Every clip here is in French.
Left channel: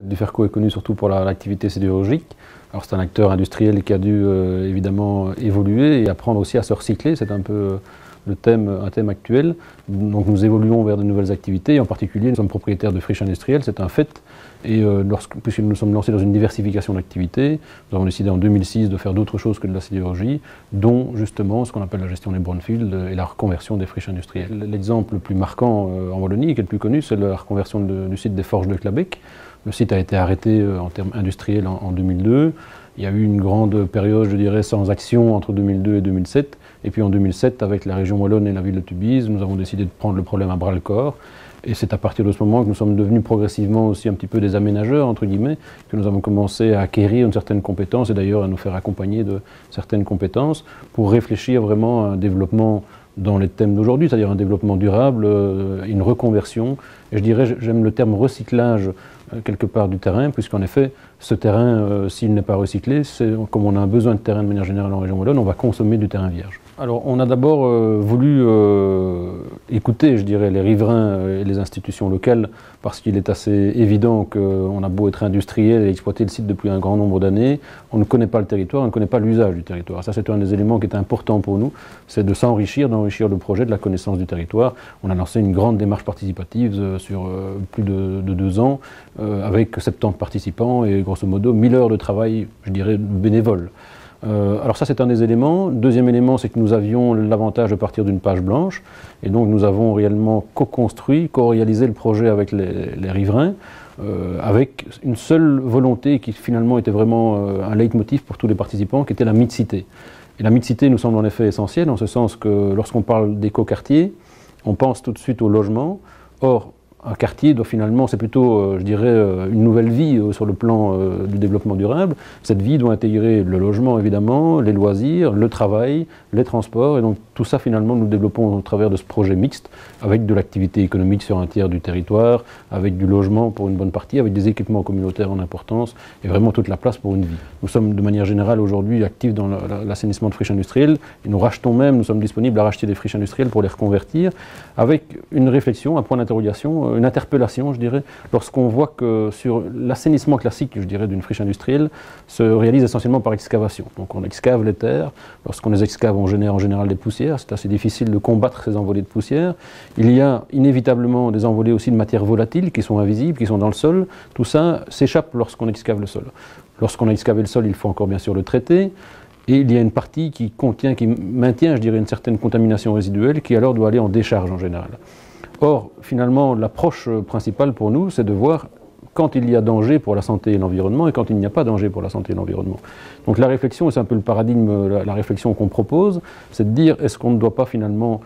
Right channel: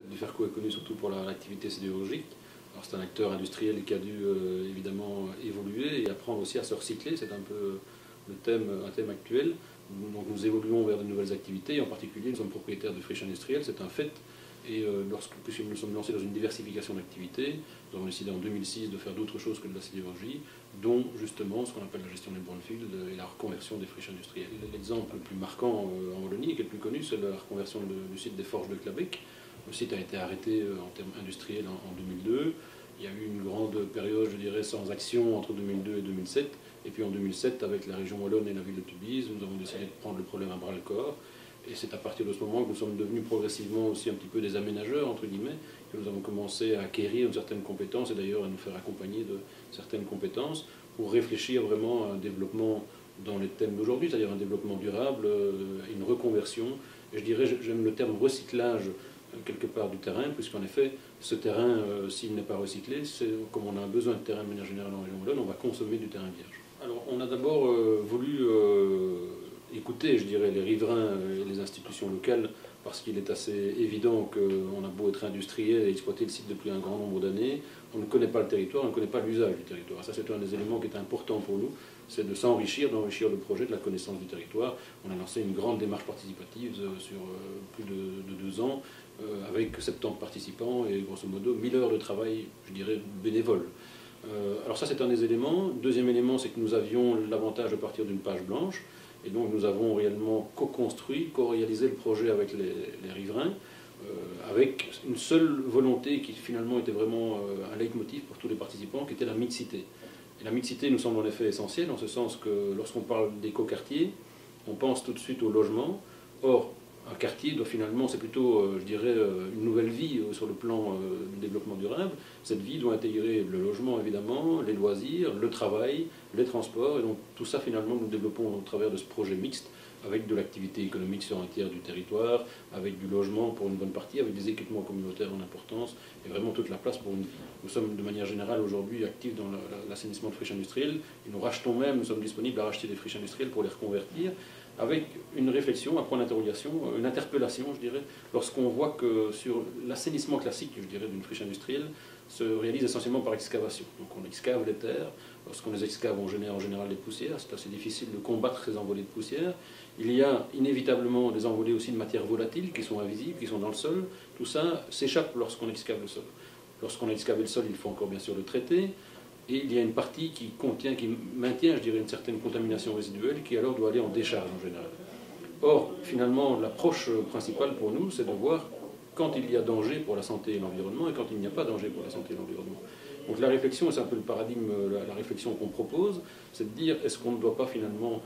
Duferco est connu surtout pour l'activité sidérurgique. Alors c'est un acteur industriel qui a dû évidemment évoluer et apprendre aussi à se recycler. C'est un peu un thème actuel. Donc nous évoluons vers de nouvelles activités et en particulier nous sommes propriétaires de friches industrielles, c'est un fait. Et puisque nous sommes lancés dans une diversification d'activités, nous avons décidé en 2006 de faire d'autres choses que de la sidérurgie, dont justement ce qu'on appelle la gestion des brownfields et la reconversion des friches industrielles. L'exemple le plus marquant en Wallonie, qui est le plus connu, c'est la reconversion du site des forges de Clabec. Le site a été arrêté en termes industriels en 2002. Il y a eu une grande période, je dirais, sans action entre 2002 et 2007. Et puis en 2007, avec la région wallonne et la ville de Tubize, nous avons décidé de prendre le problème à bras-le-corps. Et c'est à partir de ce moment que nous sommes devenus progressivement aussi un petit peu des aménageurs, entre guillemets, que nous avons commencé à acquérir une certaine compétence et d'ailleurs à nous faire accompagner de certaines compétences pour réfléchir vraiment à un développement dans les thèmes d'aujourd'hui, c'est-à-dire un développement durable, une reconversion. Et je dirais, j'aime le terme recyclage quelque part du terrain, puisqu'en effet, ce terrain, s'il n'est pas recyclé, comme on a un besoin de terrain de manière générale en région wallonne, on va consommer du terrain vierge. Alors on a d'abord voulu écouter, je dirais, les riverains et les institutions locales, parce qu'il est assez évident qu'on a beau être industriel et exploiter le site depuis un grand nombre d'années, on ne connaît pas le territoire, on ne connaît pas l'usage du territoire. Ça c'est un des éléments qui est important pour nous, c'est de s'enrichir, d'enrichir le projet de la connaissance du territoire. On a lancé une grande démarche participative sur plus de 2 ans, avec 70 participants et grosso modo 1000 heures de travail, je dirais, bénévole. Alors ça c'est un des éléments. Deuxième élément, c'est que nous avions l'avantage de partir d'une page blanche et donc nous avons réellement co-construit, co-réalisé le projet avec les riverains avec une seule volonté qui finalement était vraiment un leitmotiv pour tous les participants, qui était la mixité. Et la mixité nous semble en effet essentielle en ce sens que lorsqu'on parle d'éco-quartier, on pense tout de suite au logement. Or, un quartier doit finalement, c'est plutôt, je dirais, une nouvelle vie sur le plan du développement durable. Cette vie doit intégrer le logement, évidemment, les loisirs, le travail, les transports. Et donc tout ça, finalement, nous développons au travers de ce projet mixte, avec de l'activité économique sur un tiers du territoire, avec du logement pour une bonne partie, avec des équipements communautaires en importance, et vraiment toute la place pour une vie. Nous sommes de manière générale aujourd'hui actifs dans l'assainissement de friches industrielles, et nous rachetons même, nous sommes disponibles à racheter des friches industrielles pour les reconvertir, avec une réflexion, un point d'interrogation, une interpellation, je dirais, lorsqu'on voit que sur l'assainissement classique, je dirais, d'une friche industrielle, se réalise essentiellement par excavation. Donc on excave les terres, lorsqu'on les excave, on génère en général des poussières, c'est assez difficile de combattre ces envolées de poussière. Il y a inévitablement des envolées aussi de matières volatiles qui sont invisibles, qui sont dans le sol. Tout ça s'échappe lorsqu'on excave le sol. Lorsqu'on a excavé le sol, il faut encore bien sûr le traiter. Et il y a une partie qui maintient, je dirais, une certaine contamination résiduelle qui alors doit aller en décharge en général. Or, finalement, l'approche principale pour nous, c'est de voir quand il y a danger pour la santé et l'environnement et quand il n'y a pas danger pour la santé et l'environnement. Donc la réflexion, et c'est un peu le paradigme, la réflexion qu'on propose, c'est de dire est-ce qu'on ne doit pas finalement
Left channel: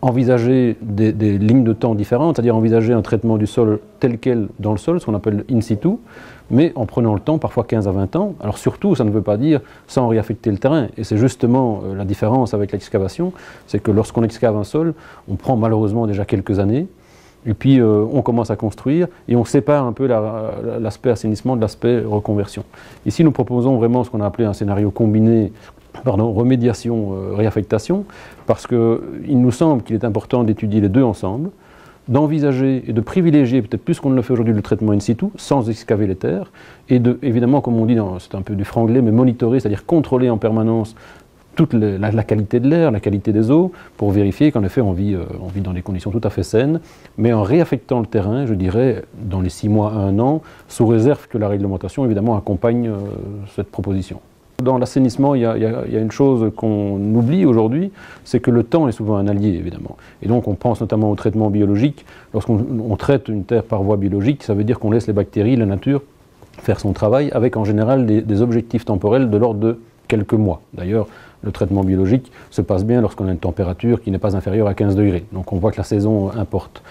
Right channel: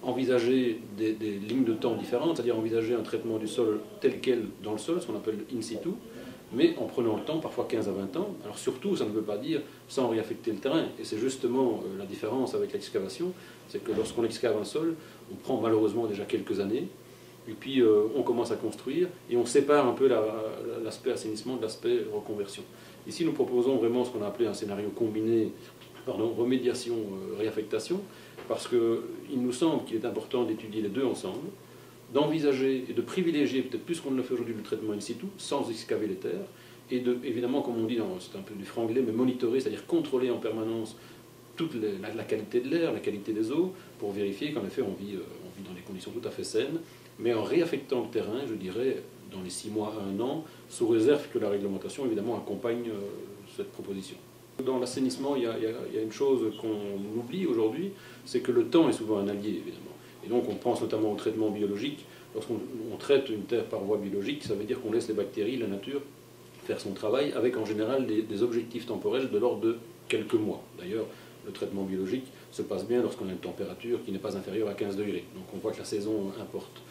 envisager des lignes de temps différentes, c'est-à-dire envisager un traitement du sol tel quel dans le sol, ce qu'on appelle in situ, mais en prenant le temps, parfois 15 à 20 ans. Alors surtout, ça ne veut pas dire sans réaffecter le terrain. Et c'est justement la différence avec l'excavation, c'est que lorsqu'on excave un sol, on prend malheureusement déjà quelques années, et puis on commence à construire, et on sépare un peu l'aspect assainissement de l'aspect reconversion. Ici, nous proposons vraiment ce qu'on a appelé un scénario combiné, remédiation, réaffectation, parce qu'il nous semble qu'il est important d'étudier les deux ensemble, d'envisager et de privilégier, peut-être plus qu'on ne le fait aujourd'hui, le traitement in situ, sans excaver les terres, et de, évidemment, comme on dit, c'est un peu du franglais, mais monitorer, c'est-à-dire contrôler en permanence toute la qualité de l'air, la qualité des eaux, pour vérifier qu'en effet on vit dans des conditions tout à fait saines, mais en réaffectant le terrain, je dirais, dans les 6 mois à 1 an, sous réserve que la réglementation, évidemment, accompagne cette proposition. Dans l'assainissement, il y a une chose qu'on oublie aujourd'hui, c'est que le temps est souvent un allié, évidemment. Et donc on pense notamment au traitement biologique. Lorsqu'on traite une terre par voie biologique, ça veut dire qu'on laisse les bactéries, la nature, faire son travail, avec en général des objectifs temporels de l'ordre de quelques mois. D'ailleurs, le traitement biologique se passe bien lorsqu'on a une température qui n'est pas inférieure à 15 degrés. Donc on voit que la saison importe.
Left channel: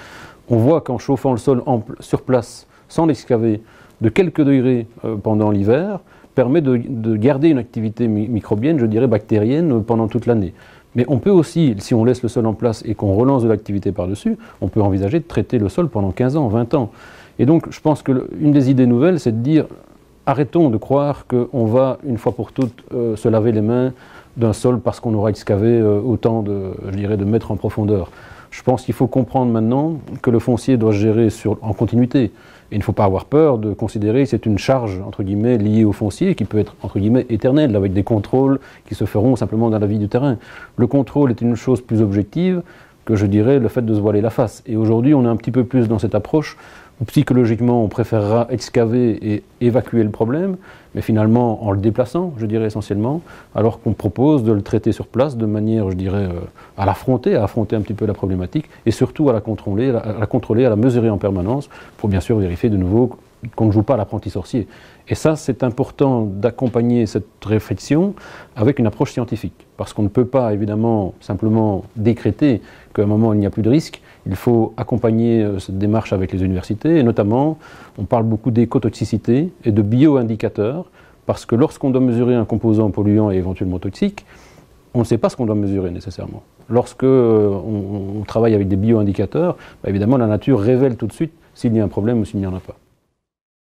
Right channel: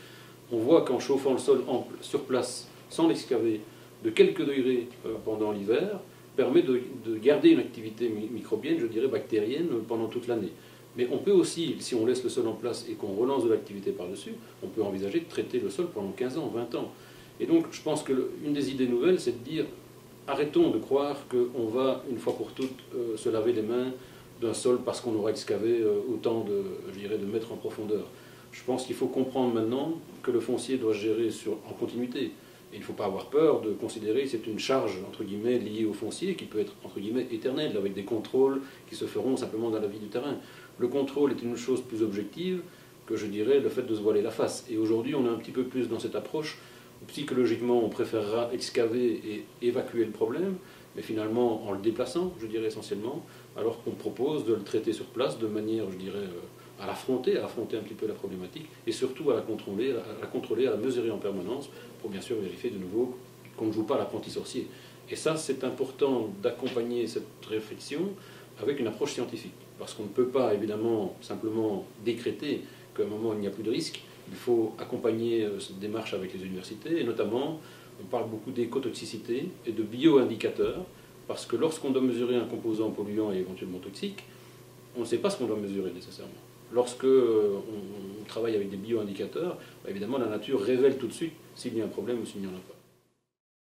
On voit qu'en chauffant le sol sur place, sans l'excaver, de quelques degrés pendant l'hiver, permet de garder une activité microbienne, je dirais bactérienne, pendant toute l'année. Mais on peut aussi, si on laisse le sol en place et qu'on relance de l'activité par-dessus, on peut envisager de traiter le sol pendant 15 ans, 20 ans. Et donc je pense qu'une des idées nouvelles, c'est de dire arrêtons de croire qu'on va, une fois pour toutes, se laver les mains d'un sol parce qu'on aura excavé autant de mètres en profondeur. Je pense qu'il faut comprendre maintenant que le foncier doit se gérer en continuité. Et il ne faut pas avoir peur de considérer que c'est une charge, entre guillemets, liée au foncier, qui peut être, entre guillemets, éternelle, avec des contrôles qui se feront simplement dans la vie du terrain. Le contrôle est une chose plus objective que, je dirais, le fait de se voiler la face. Et aujourd'hui, on est un petit peu plus dans cette approche où, psychologiquement, on préférera excaver et évacuer le problème, mais finalement en le déplaçant, je dirais essentiellement, alors qu'on propose de le traiter sur place de manière, je dirais, à l'affronter, à affronter un petit peu la problématique, et surtout à la contrôler, à la mesurer en permanence, pour bien sûr vérifier de nouveau qu'on ne joue pas à l'apprenti sorcier. Et ça, c'est important d'accompagner cette réflexion avec une approche scientifique, parce qu'on ne peut pas évidemment simplement décréter qu'à un moment il n'y a plus de risque. Il faut accompagner cette démarche avec les universités, et notamment, on parle beaucoup d'écotoxicité et de bioindicateurs, parce que lorsqu'on doit mesurer un composant polluant et éventuellement toxique, on ne sait pas ce qu'on doit mesurer nécessairement. Lorsque on travaille avec des bioindicateurs, évidemment la nature révèle tout de suite s'il y a un problème ou s'il n'y en a pas.